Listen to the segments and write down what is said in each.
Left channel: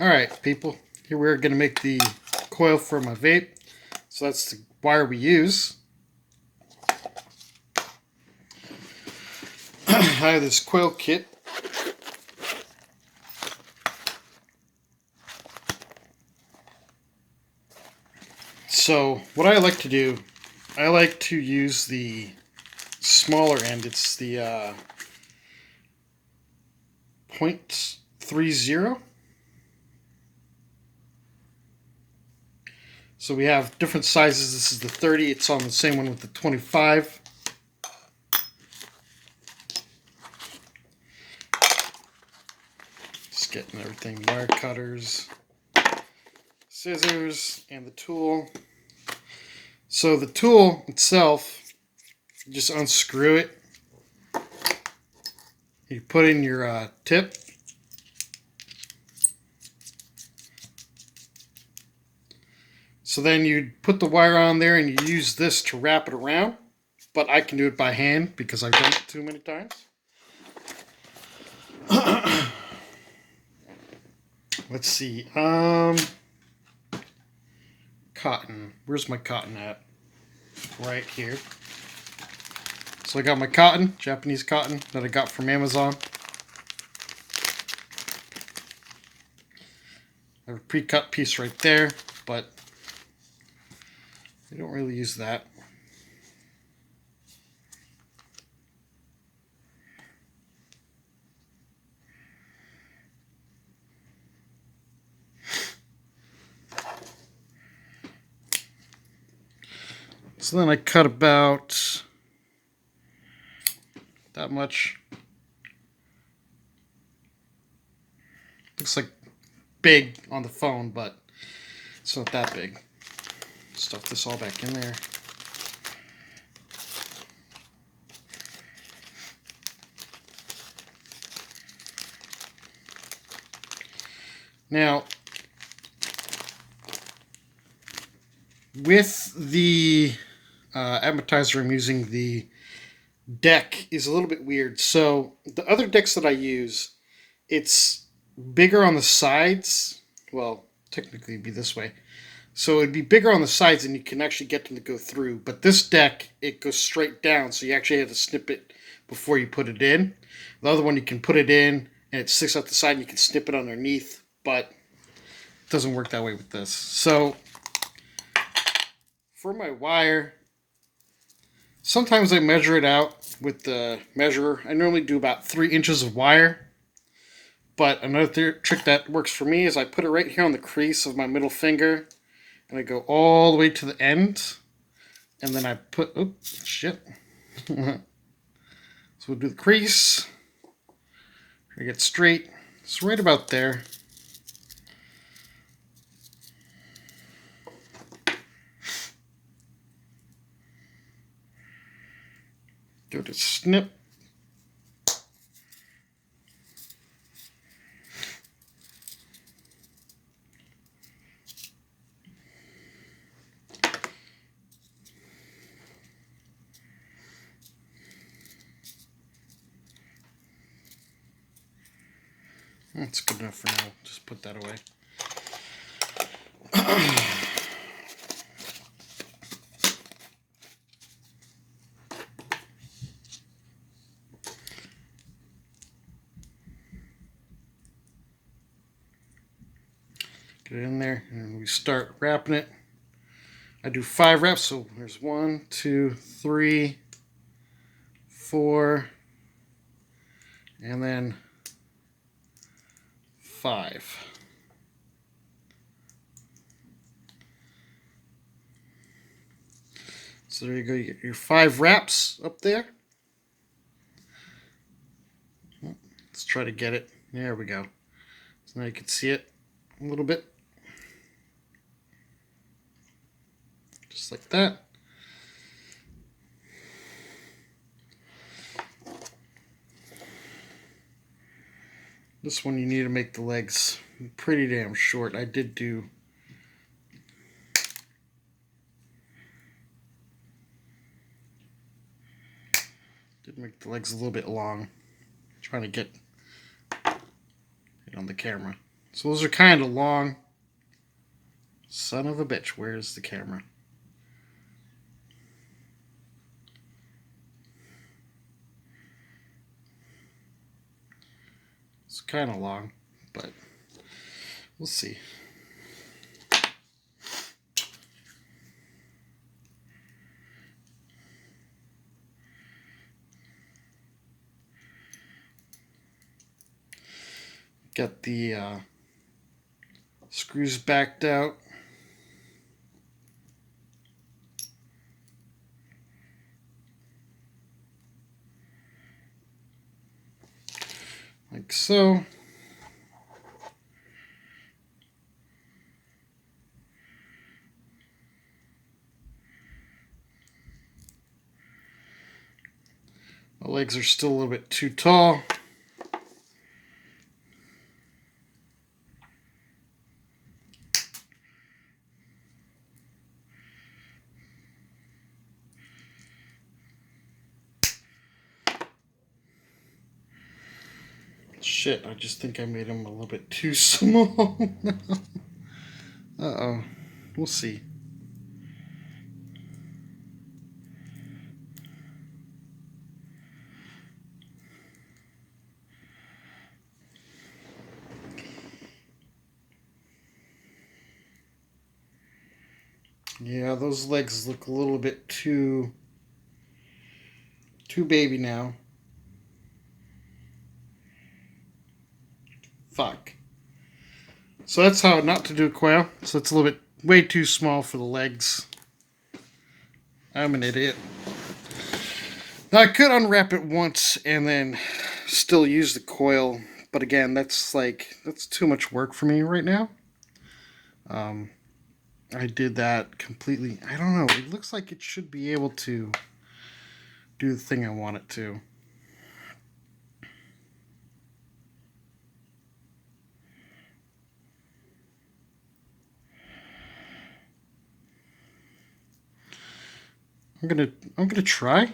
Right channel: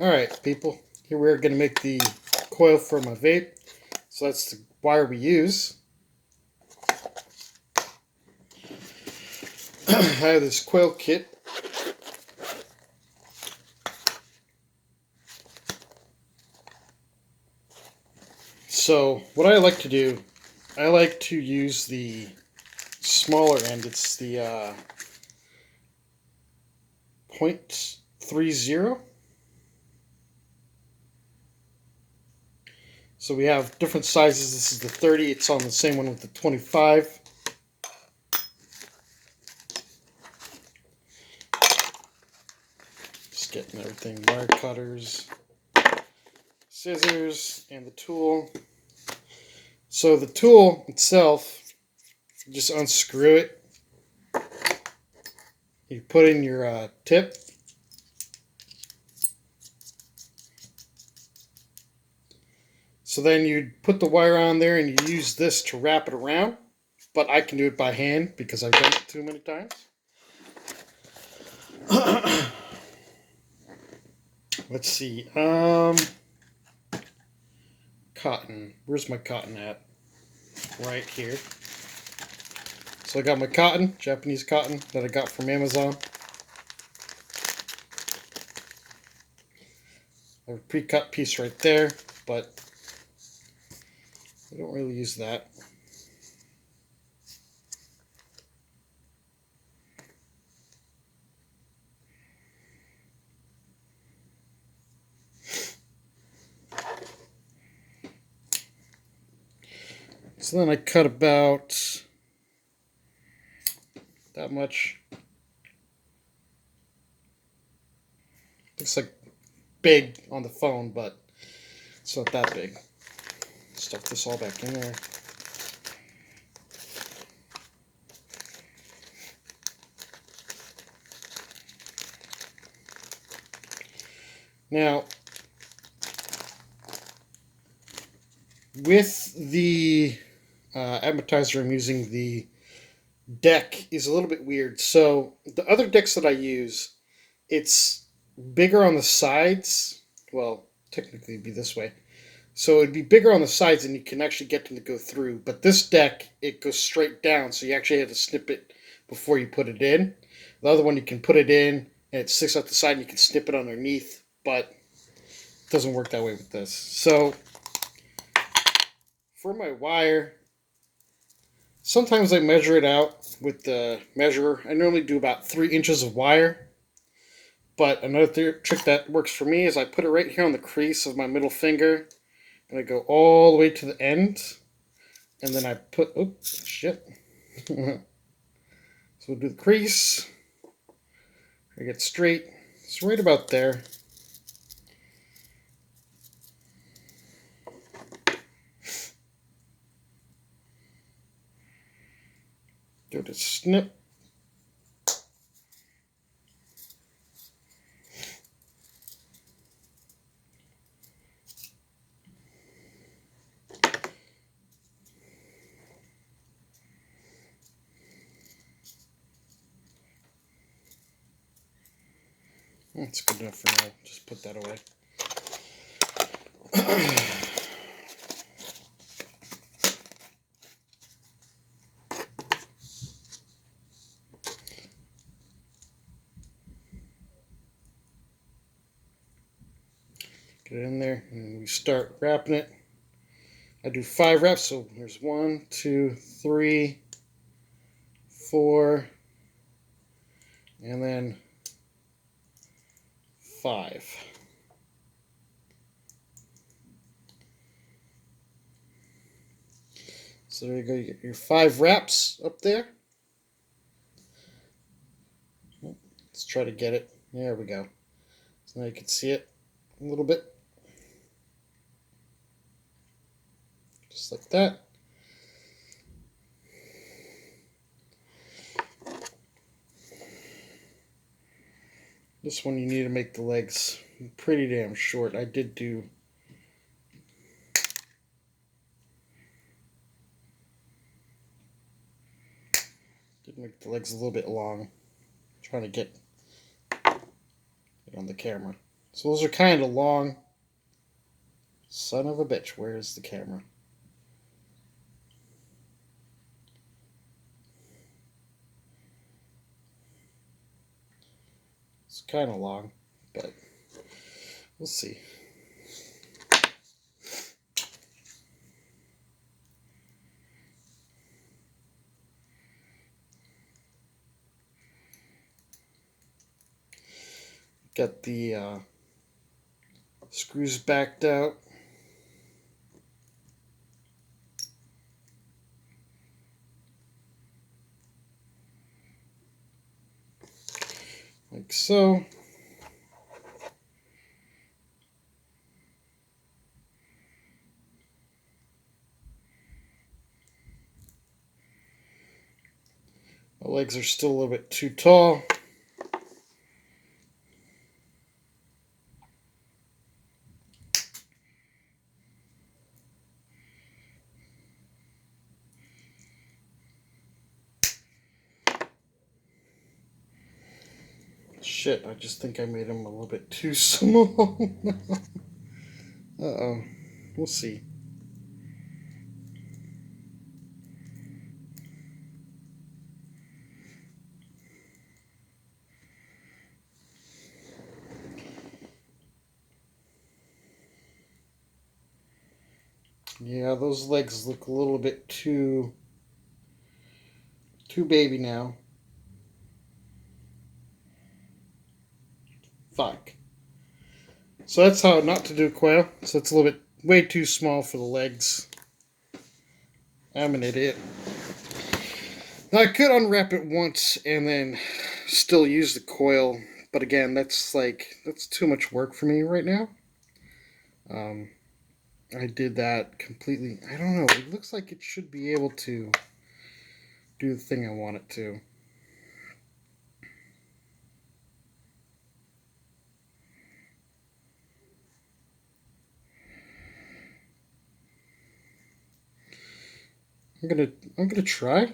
Alright, people. Here we're going to make the coil for my vape. So that's the wire we use. I have this coil kit. So what I like to do, I like to use the smaller end. It's the 0.30. So we have different sizes. This is the 30. It's on the same one with the 25. Just getting everything. Wire cutters, scissors, and the tool. So the tool itself, you just unscrew it. You put in your tip. So then you put the wire on there and you use this to wrap it around. But I can do it by hand because I've done it too many times. Let's see. Cotton. Where's my cotton at? Right here. So I got my cotton, Japanese cotton, that I got from Amazon. I have a pre-cut piece right there, but I don't really use that. So then I cut about that much. Looks like big on the phone, but it's not that big. Stuff this all back in there. Now, with the appetizer I'm using, the deck is a little bit weird. So the other decks that I use, it's bigger on the sides. Well, technically it'd be this way. So it'd be bigger on the sides and you can actually get them to go through. But this deck, it goes straight down, so you actually have to snip it before you put it in. The other one, you can put it in and it sticks out the side and you can snip it underneath, but it doesn't work that way with this. So for my wire, sometimes I measure it out with the measurer. I normally do about 3 inches of wire. But another trick that works for me is I put it right here on the crease of my middle finger. And I go all the way to the end. And then I put, oops, shit. So we'll do the crease. I get straight. It's right about there. Give it a snip. That's good enough for now. Just put that away. Get it in there and we start wrapping it. I do 5 wraps, so there's 1, 2, 3, 4, and then 5. So there you go, you get your 5 wraps up there. Let's try to get it. There we go. So now you can see it a little bit. Just like that. This one you need to make the legs pretty damn short. I did make the legs a little bit long. I'm trying to get it on the camera. So those are kind of long. Son of a bitch, where's the camera? It's kind of long, but we'll see. Got the screws backed out. Like so. My legs are still a little bit too tall. Shit, I just think I made them a little bit too small. Uh-oh. We'll see. Yeah, those legs look a little bit too baby now. Fuck. So that's how not to do a coil. So it's a little bit way too small for the legs. I'm an idiot. Now I could unwrap it once and then still use the coil, but again, that's too much work for me right now. I did that completely. I don't know. It looks like it should be able to do the thing I want it to. I'm gonna try.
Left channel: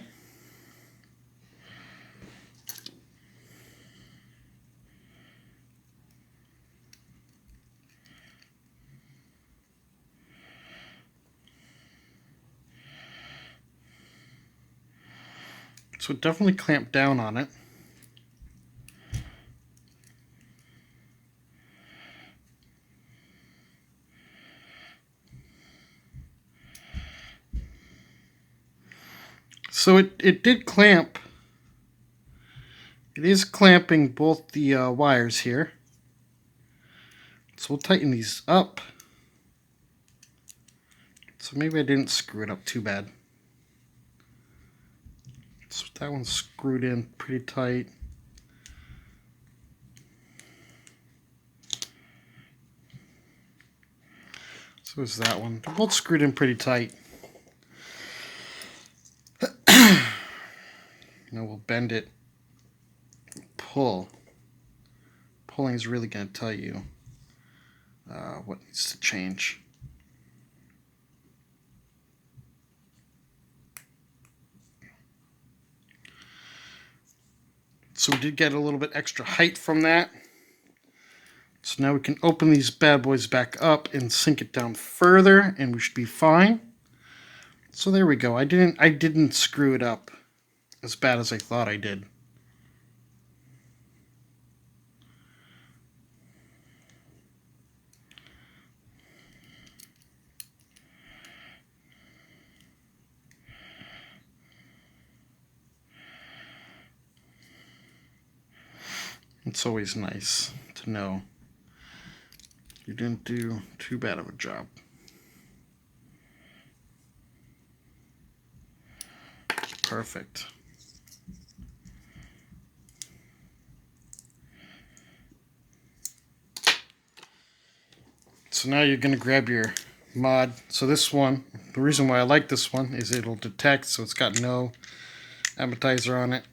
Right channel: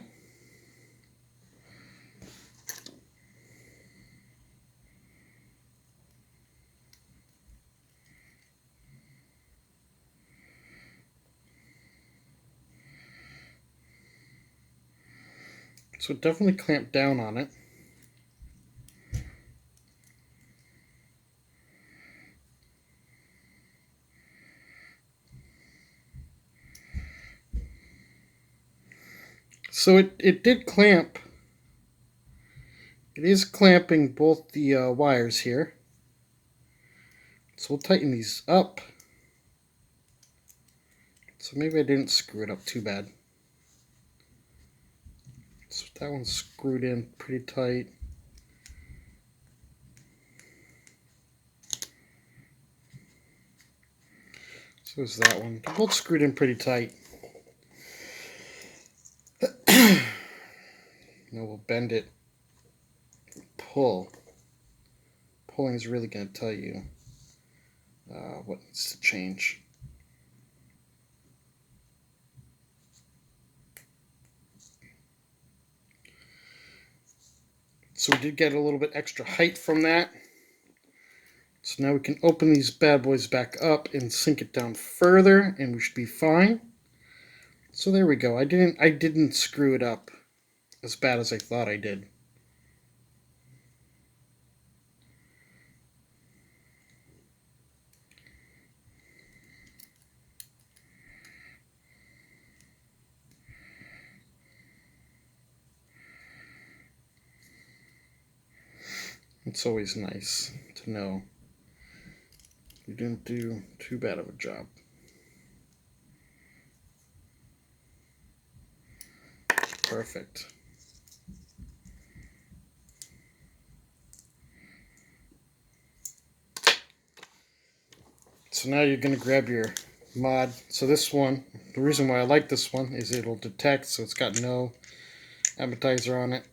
So definitely clamp down on it. So it did clamp. It is clamping both the wires here. So we'll tighten these up. So maybe I didn't screw it up too bad. So that one's screwed in pretty tight. So is that one. They're both screwed in pretty tight. Now we'll bend it. Pull. Pulling is really going to tell you what needs to change. So we did get a little bit extra height from that. So now we can open these bad boys back up and sink it down further, and we should be fine. So there we go. I didn't screw it up as bad as I thought I did. It's always nice to know you didn't do too bad of a job. Perfect. So now you're going to grab your mod. So this one, the reason why I like this one is it'll detect, so it's got no appetizer on it.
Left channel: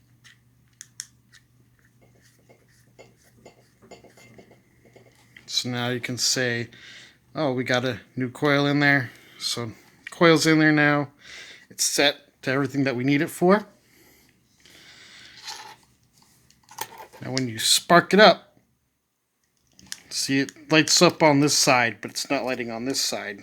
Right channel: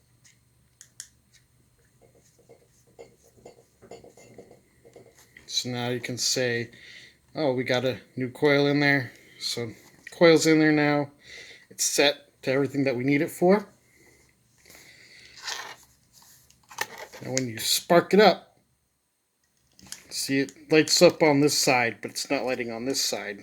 So now you can say, oh, we got a new coil in there. So coil's in there now. It's set to everything that we need it for. Now when you spark it up, See, it lights up on this side, but it's not lighting on this side.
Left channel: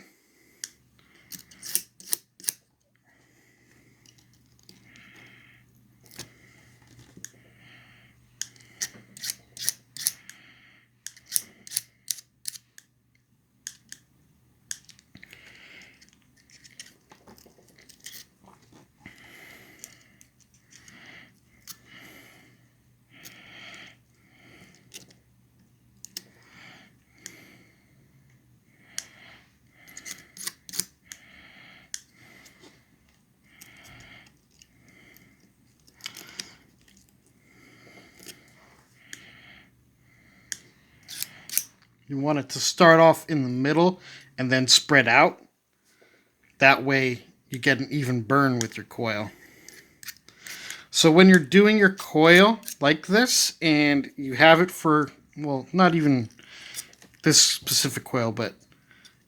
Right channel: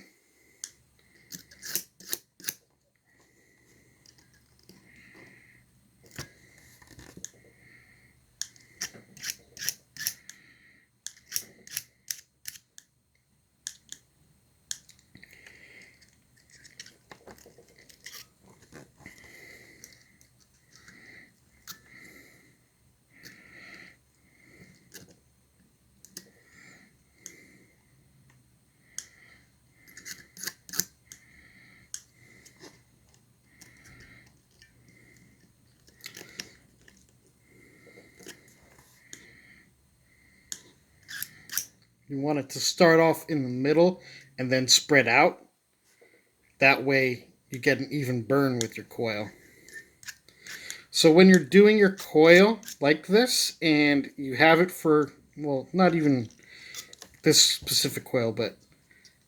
You want it to start off in the middle and then spread out. That way you get an even burn with your coil. So when you're doing your coil like this and you have it for, well, not even this specific coil, but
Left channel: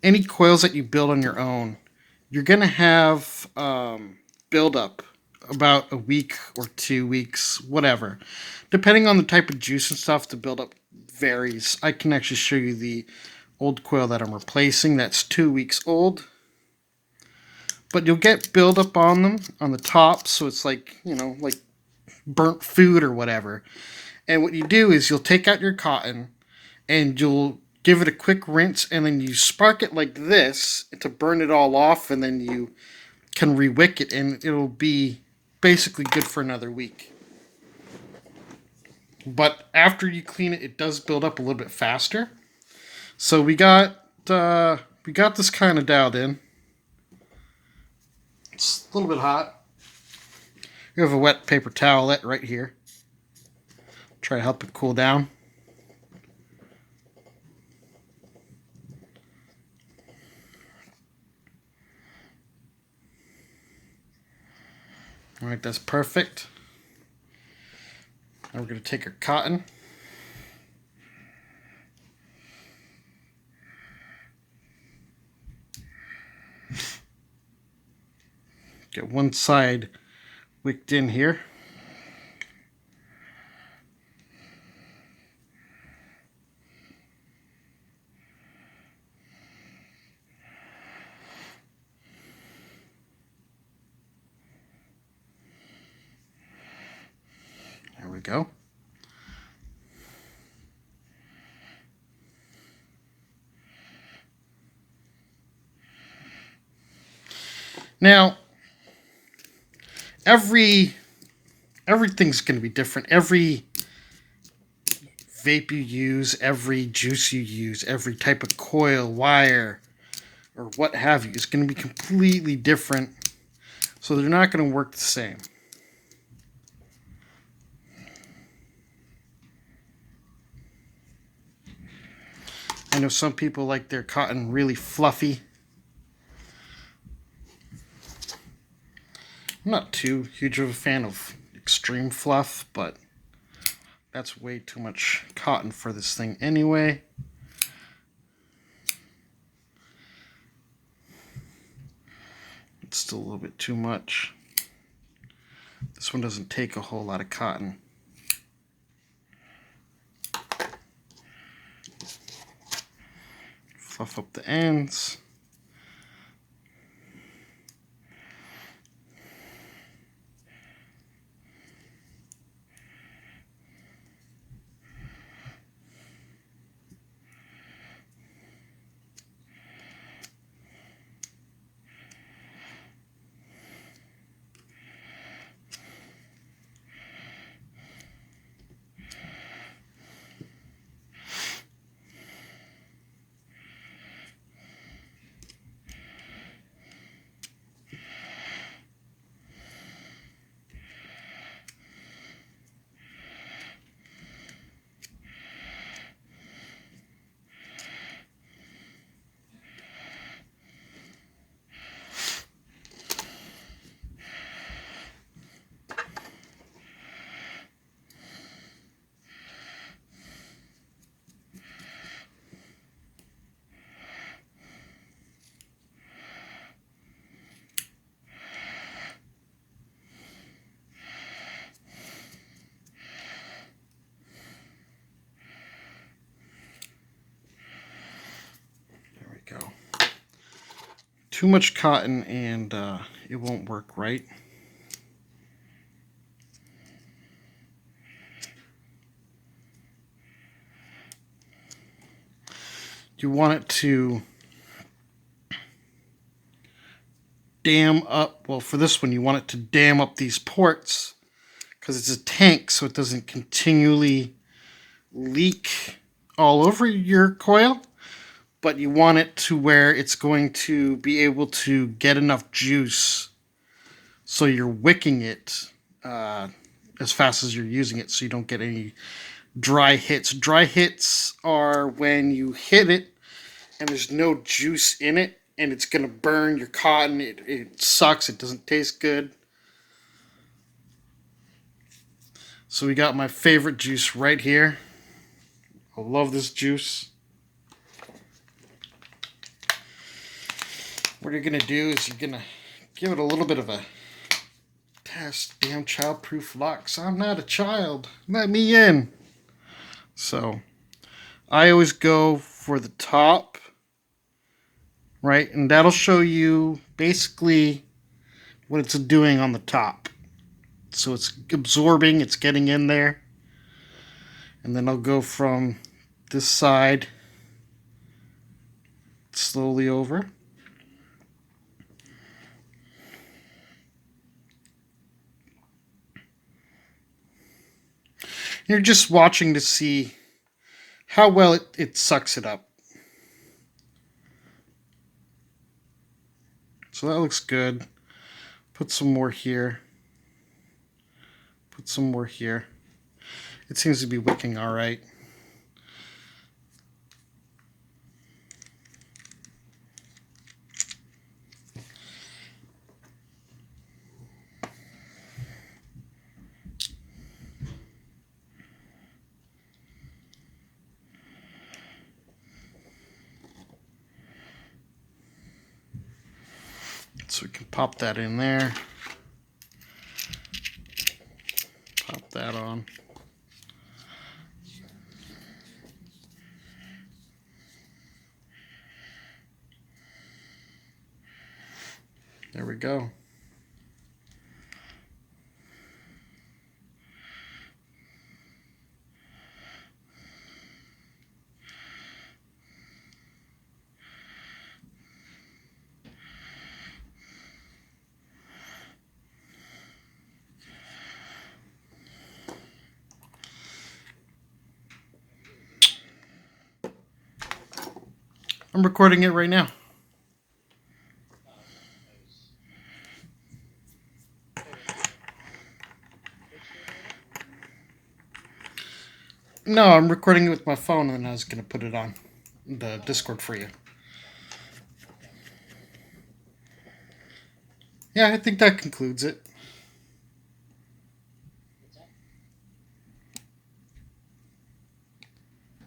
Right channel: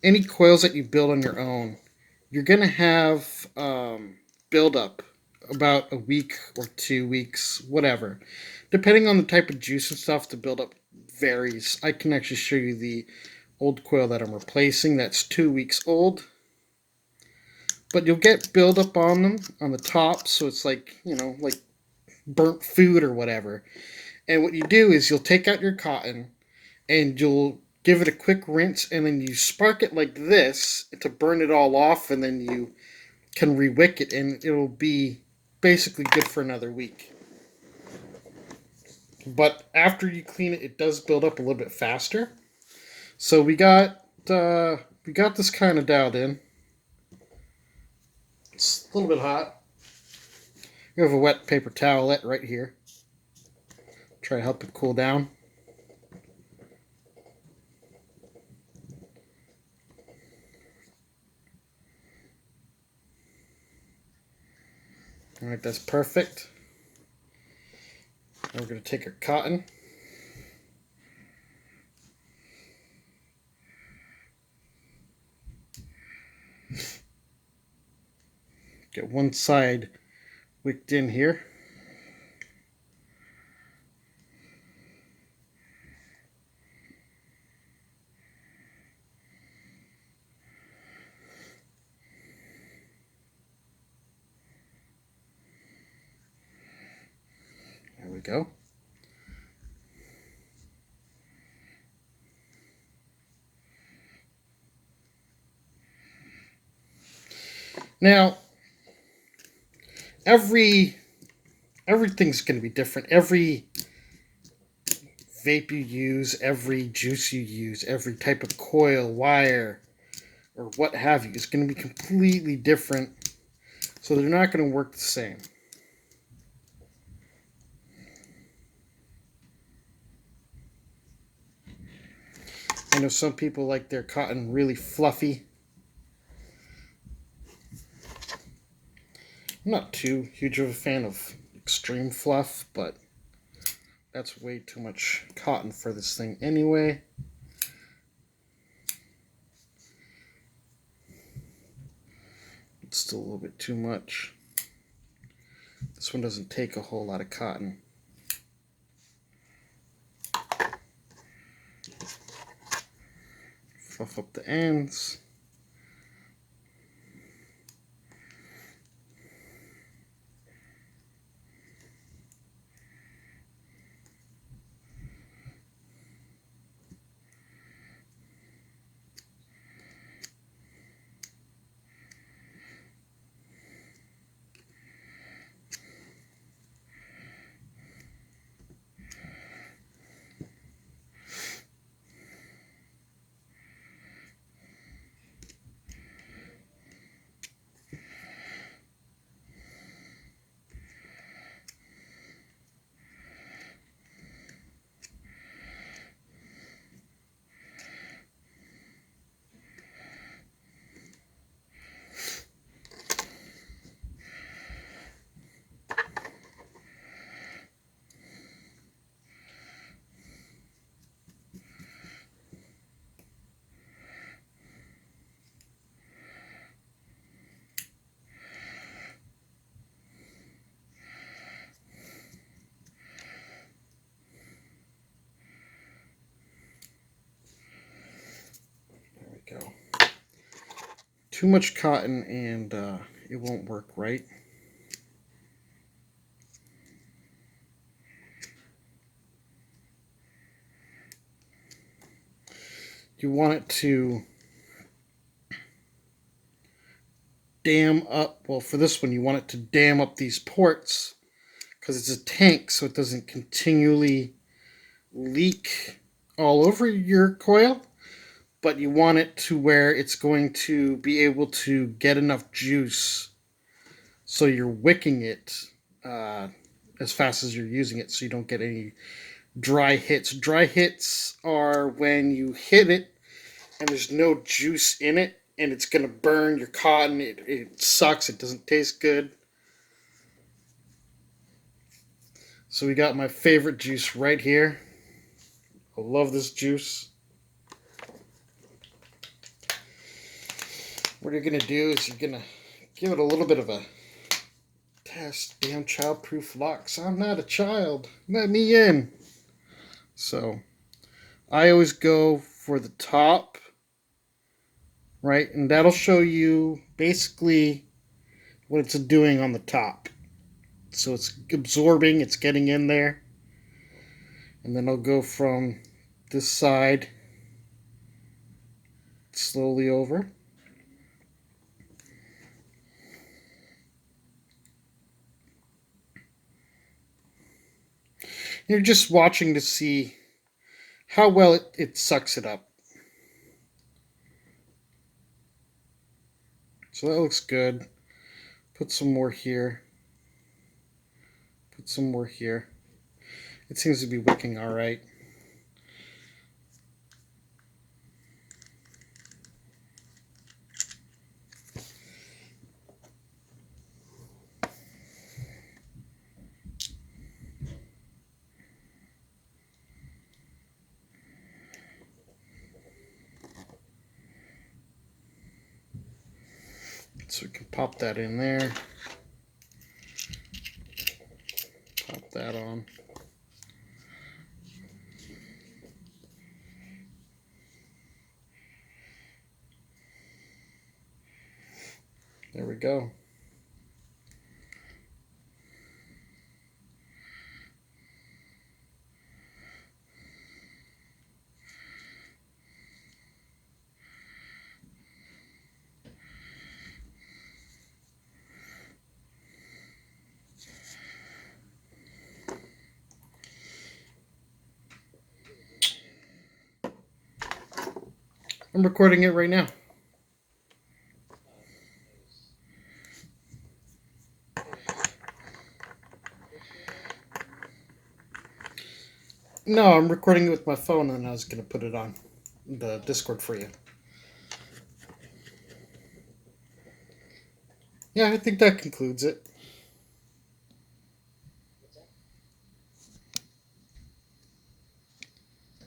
any coils that you build on your own, you're going to have buildup about a week or 2 weeks, whatever. Depending on the type of juice and stuff, the buildup varies. I can actually show you the old coil that I'm replacing that's 2 weeks old. But you'll get buildup on them on the top, so it's like, you know, like burnt food or whatever. And what you do is you'll take out your cotton and you'll give it a quick rinse, and then you spark it like this to burn it all off, and then you can rewick it, and it'll be basically good for another week. But after you clean it, it does build up a little bit faster. So we got this kind of dialed in. It's a little bit hot. We have a wet paper towelette right here. Try to help it cool down. All right, that's perfect. Now we're going to take our cotton. Get one side wicked in here. There we go. Now, everything's going to be different. Every vape you use, every juice you use, every type of coil, wire, or what have you is going to be completely different. So they're not going to work the same. I know some people like their cotton really fluffy. I'm not too huge of a fan of extreme fluff, but that's way too much cotton for this thing anyway. It's still a little bit too much. This one doesn't take a whole lot of cotton. Fluff up the ends. too much cotton and it won't work right. You want it to dam up, well, for this one you want it to dam up these ports because it's a tank, so it doesn't continually leak all over your coil, but you want it to where it's going to be able to get enough juice so you're wicking it as fast as you're using it, so you don't get any dry hits. Dry hits are when you hit it and there's no juice in it and it's going to burn your cotton. It sucks. It doesn't taste good. So we got my favorite juice right here. I love this juice. What you're going to do is you're going to give it a little bit of a test. Damn child-proof locks. I'm not a child. Let me in. So I always go for the top, right? And that'll show you basically what it's doing on the top. So it's absorbing, it's getting in there. And then I'll go from this side slowly over. You're just watching to see how well it sucks it up. So that looks good. Put some more here. Put some more here. It seems to be wicking all right. So we can pop that in there. Pop that on. There we go. I'm recording it right now. No, I'm recording it with my phone and I was going to put it on the Discord for you. Yeah, I think that concludes it.